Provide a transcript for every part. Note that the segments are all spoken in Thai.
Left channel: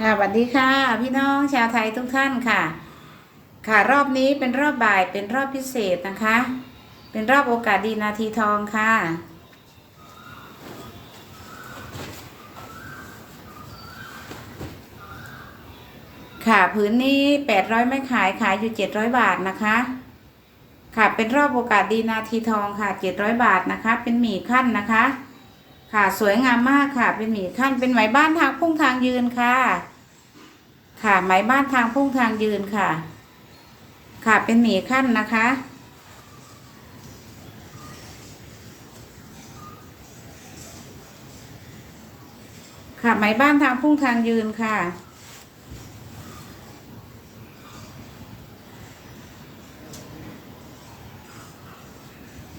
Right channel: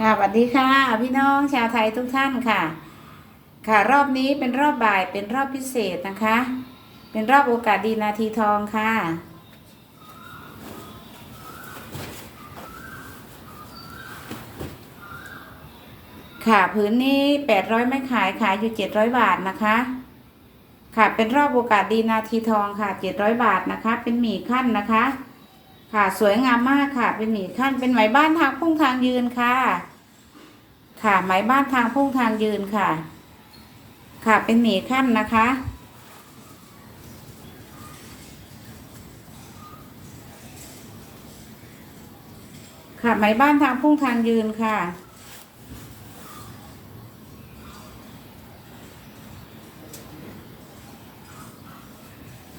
ค่ะสวัสดีค่ะ พี่น้องชาวไทยทุกท่านค่ะ ค่ะรอบนี้เป็นรอบบ่ายเป็นรอบพิเศษนะคะ เป็นรอบโอกาสดีนาทีทองค่ะ ค่ะผืนนี้แปดร้อยไม่ขายขายอยู่เจ็ดร้อยบาทนะคะ ค่ะเป็นรอบโอกาสดีนาทีทองค่ะเจ็ดร้อยบาทนะคะ เป็นหมี่ขั้นนะคะ ค่ะสวยงามมากค่ะ เป็นหมี่ขั้นเป็นไหมบ้านทางพุ่งทางยืนค่ะ ค่ะไหมบ้านทางพุ่งทางยืนค่ะ ค่ะเป็นหมี่ขั้นนะคะ ค่ะไหมบ้านทางพุ่งทางยืนค่ะ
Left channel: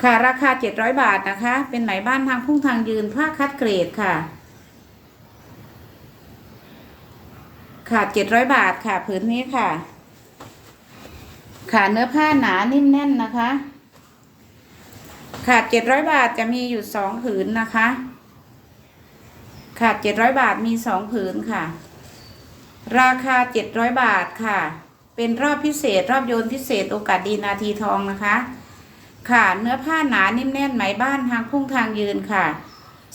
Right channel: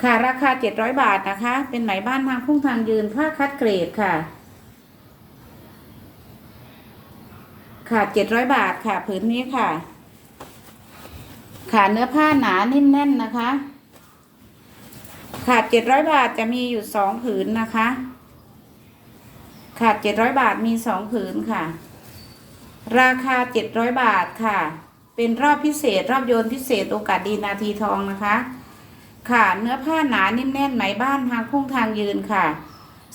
ค่ะราคา 700 บาทนะคะ เป็นไหมบ้านทางพุ่งทางยืนผ้าคัดเกรดค่ะ ค่ะ 700 บาทค่ะผืนนี้ค่ะ ค่ะเนื้อผ้าหนานิ่มแน่นนะคะ ค่ะ 700 บาทจะมีอยู่สองผืนนะคะ ค่ะ 700 บาทมีสองผืนค่ะ ราคา 700 บาทค่ะ เป็นรอบพิเศษรอบโยนพิเศษโอกาสดีนาทีทองนะคะ ค่ะ เนื้อผ้าหนานิ่มแน่นไหมบ้านทางพุ่งทางยืนค่ะ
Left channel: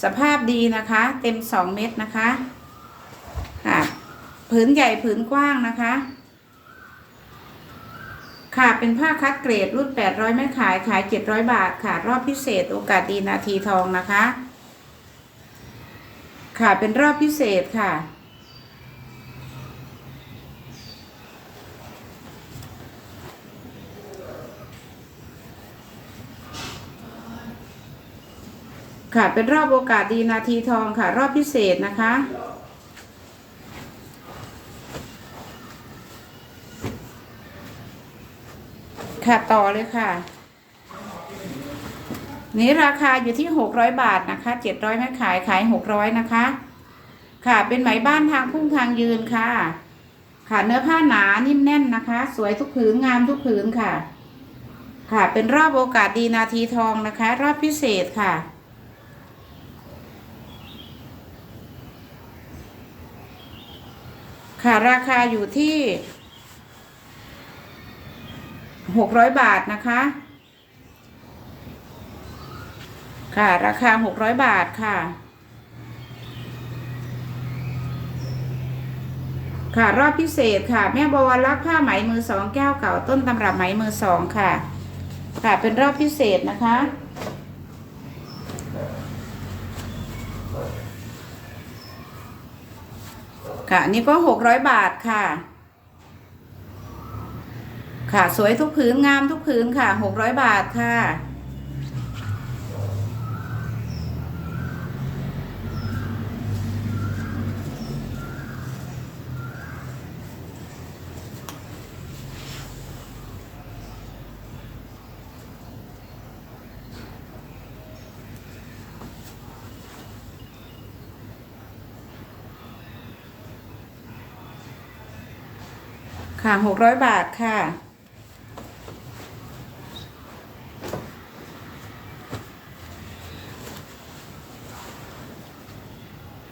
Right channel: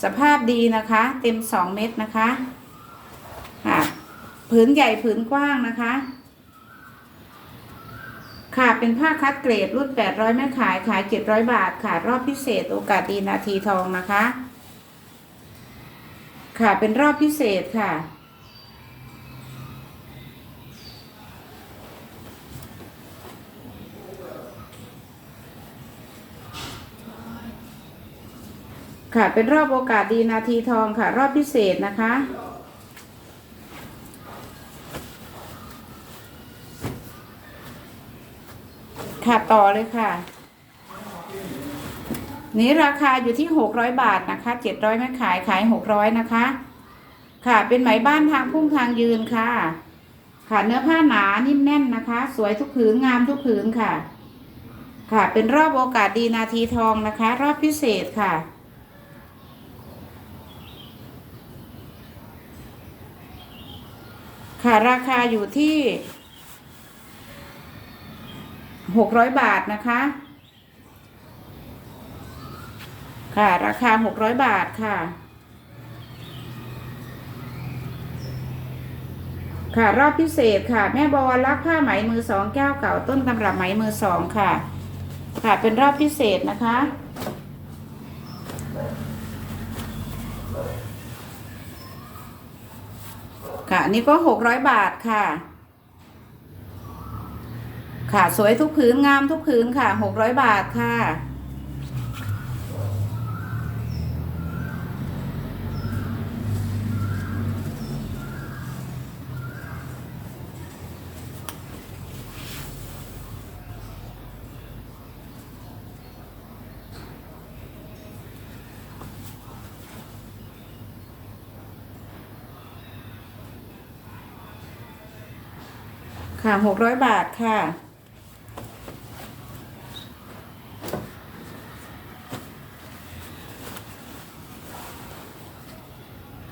สภาพดีนะคะ เต็มสองเม็ดนะคะค่ะผืนใหญ่ผืนกว้างนะคะ ค่ะเป็นผ้าคัดเกรดรุ่น 800 ไม่ขายขาย 700 บาทค่ะ รอบพิเศษโอกาสดีนาทีทองนะคะ ค่ะเป็นรอบพิเศษค่ะ ค่ะ เป็นรอบโอกาสดีนาทีทองค่ะ รอบพิเศษนะคะ ค่ะต่อเลยค่ะ นี้ราคาอยู่ที่หกร้อยบาทนะคะเจ็ดร้อยไม่ขายขายหกร้อยนะคะ ค่ะเป็นไหมบ้านทางพุ่งทางยืนค่ะ ค่ะเนื้อผ้าหนานิ่มแน่นนะคะ สวยทุกผืนงามทุกผืนค่ะ ค่ะเป็นรอบโอกาสดีนาทีทองนะคะ รอบพิเศษค่ะ ค่ะราคาอยู่ที่หกร้อยบาทนะคะ ค่ะ ราคาหกร้อยบาทค่ะ ค่ะรอบพิเศษค่ะ แม่บวรรักผ้าไหมมือสองแก้วเก่าต้นตำรับไหมมือสองค่ะ ค่ะเป็นรอบพิเศษนะคะ ค่ะ นี่ก็หกร้อยบาทค่ะ ค่ะ สวยทุกผืนงามทุกผืนค่ะหกร้อยบาทค่ะ ค่ะหกร้อยบาทค่ะ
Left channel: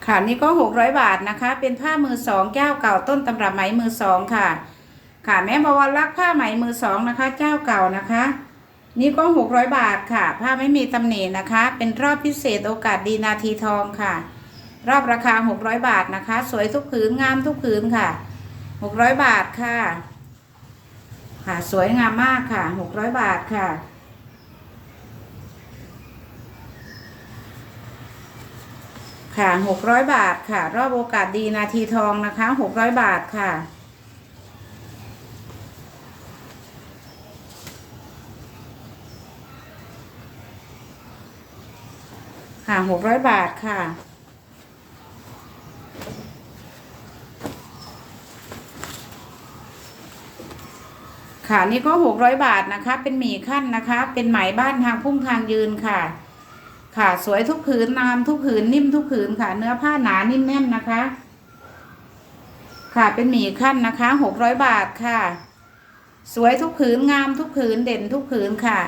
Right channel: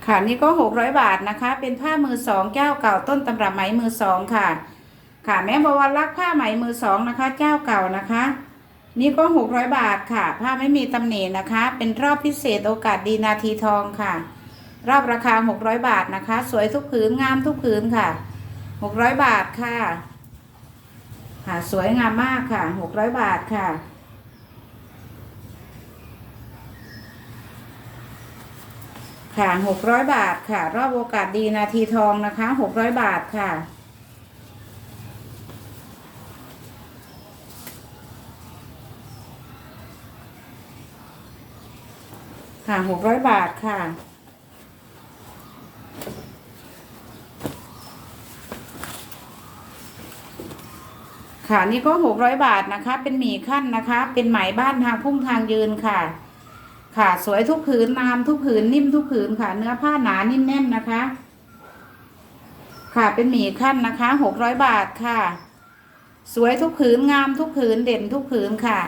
ค่ะนี่ก็หกร้อยบาทนะคะ เป็นผ้ามือสองแก้วเก่าต้นตำรับไหมมือสองค่ะ ค่ะแม่บวรรักผ้าไหมมือสองนะคะ เจ้าเก่านะคะ นี่ก็หกร้อยบาทค่ะ ผ้าไม่มีตำหนินะคะ เป็นรอบพิเศษโอกาสดีนาทีทองค่ะ รอบราคาหกร้อยบาทนะคะ สวยทุกผืนงามทุกผืนค่ะ หกร้อยบาทค่ะ ค่ะสวยงามมากค่ะหกร้อยบาทค่ะ ค่ะหกร้อยบาทค่ะ รอบโอกาสดีนาทีทองนะคะหกร้อยบาทค่ะค่ะหกร้อยบาทค่ะ ค่ะนี่ก็หกร้อยบาทนะคะ เป็นหมี่ขั้นนะคะ เป็นไหมบ้านทางพุ่งทางยืนค่ะ ค่ะสวยทุกผืนงามทุกผืนนิ่มทุกผืนค่ะ เนื้อผ้าหนานิ่มแน่นนะคะ ค่ะเป็นหมี่ขั้นนะคะหกร้อยบาทค่ะ สวยทุกผืนงามทุกผืนเด่นทุกผืนค่ะ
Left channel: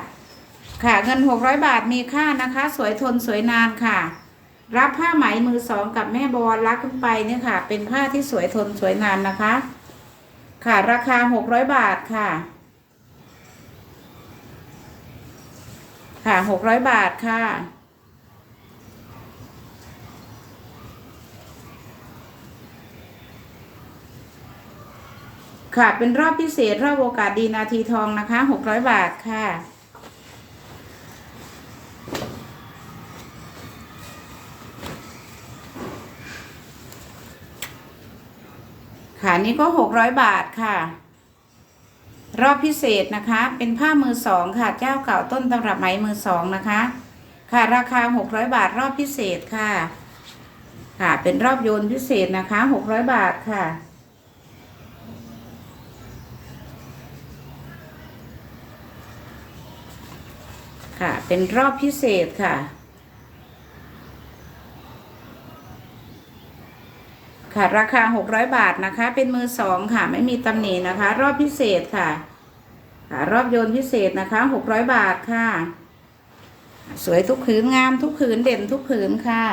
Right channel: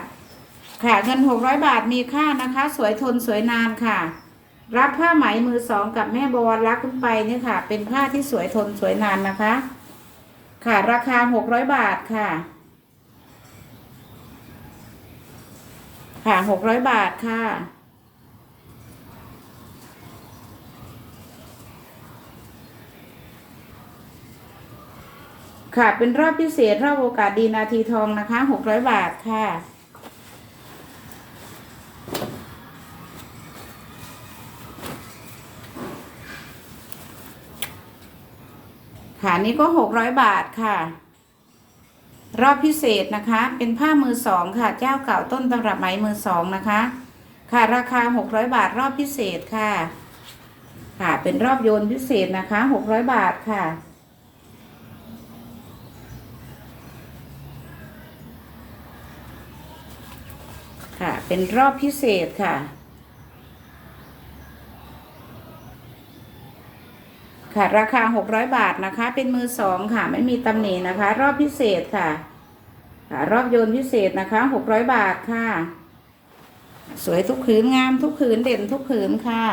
ค่ะเงินหกร้อยบาทมีค่านะคะ สวยทนสวยนานค่ะ รับผ้าไหมมือสองกับแม่บวรรักขึ้นไปเนี่ยค่ะ เป็นผ้าที่สวยทนสวยนานนะคะ ค่ะราคาหกร้อยบาทค่ะ ค่ะหกร้อยบาทค่ะ ค่ะ เป็นรอบพิเศษ รอบโอกาสดีนาทีทองนะคะหกร้อยบาทค่ะค่ะนี่ก็หกร้อยบาทค่ะ รอบพิเศษนะคะ เป็นผ้ามือสองค่ะ เจ้าเก่าต้นตำรับไหมมือสองนะคะ ค่ะราคาหกร้อยบาทรอบพิเศษค่ะ ค่ะเป็นรอบโยนพิเศษนะคะหกร้อยบาทค่ะค่ะ เป็นรอบพิเศษค่ะ ค่ะ ราคาหกร้อยบาทนะคะ เป็นมือสองค่ะ ไม่มีตำหนินะคะ รอบพิเศษค่ะค่ะ รอบโยนพิเศษนะคะหกร้อยบาทค่ะ สวยทุกผืนงามทุกผืนเด่นทุกผืนค่ะ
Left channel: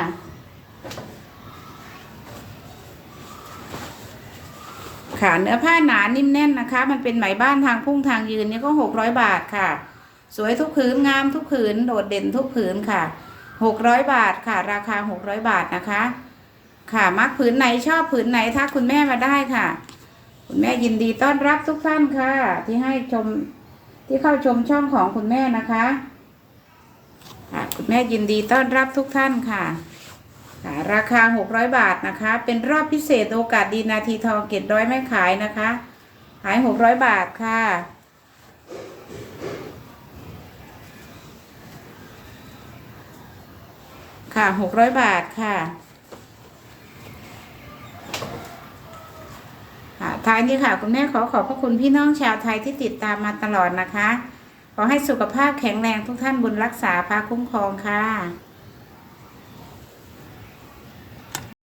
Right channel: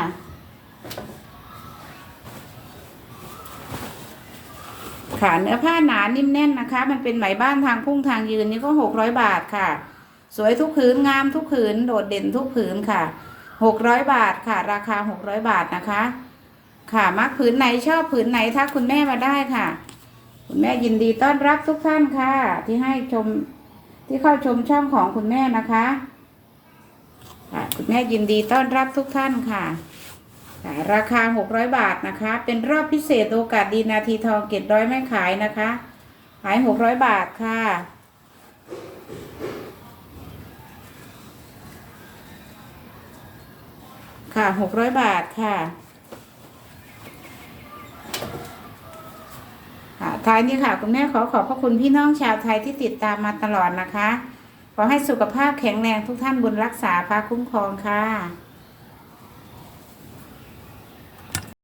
ค่ะเนื้อผ้าหนานิ่มแน่นนะคะ มันเป็นไหมบ้านทางพุ่งทางยืนนี่ก็หกร้อยบาทค่ะ สวยทุกผืนงามทุกผืนโดดเด่นทุกผืนค่ะหกร้อยบาทค่ะ ราคาหกร้อยบาทนะคะ ค่ะมักผืนไหนชอบผืนไหนทักคุณแม่มาได้ค่ะ คุณแม่ยินดีต้อนรับทุกท่านค่ะ ที่ให้ชมที่เข้าชมช่องของคุณแม่นะคะค่ะคุณแม่ยินดีต้อนรับทุกท่านค่ะค่ะราคาหกร้อยบาทนะคะ เป็นรอบพิเศษโอกาสดีนาทีทองเก็ดร้อยไม่ขายนะคะ ขายหกร้อยบาทค่ะค่ะหกร้อยบาทค่ะ ค่ะท้ายนี้ค่ะ คุณแม่ขอขอบพระคุณพี่น้องชาวไทยที่ติดตามมาตลอดนะคะ ขอให้สุขภาพแข็งแรงทุกท่านบุญรักษาพาคุ้มครองค่ะ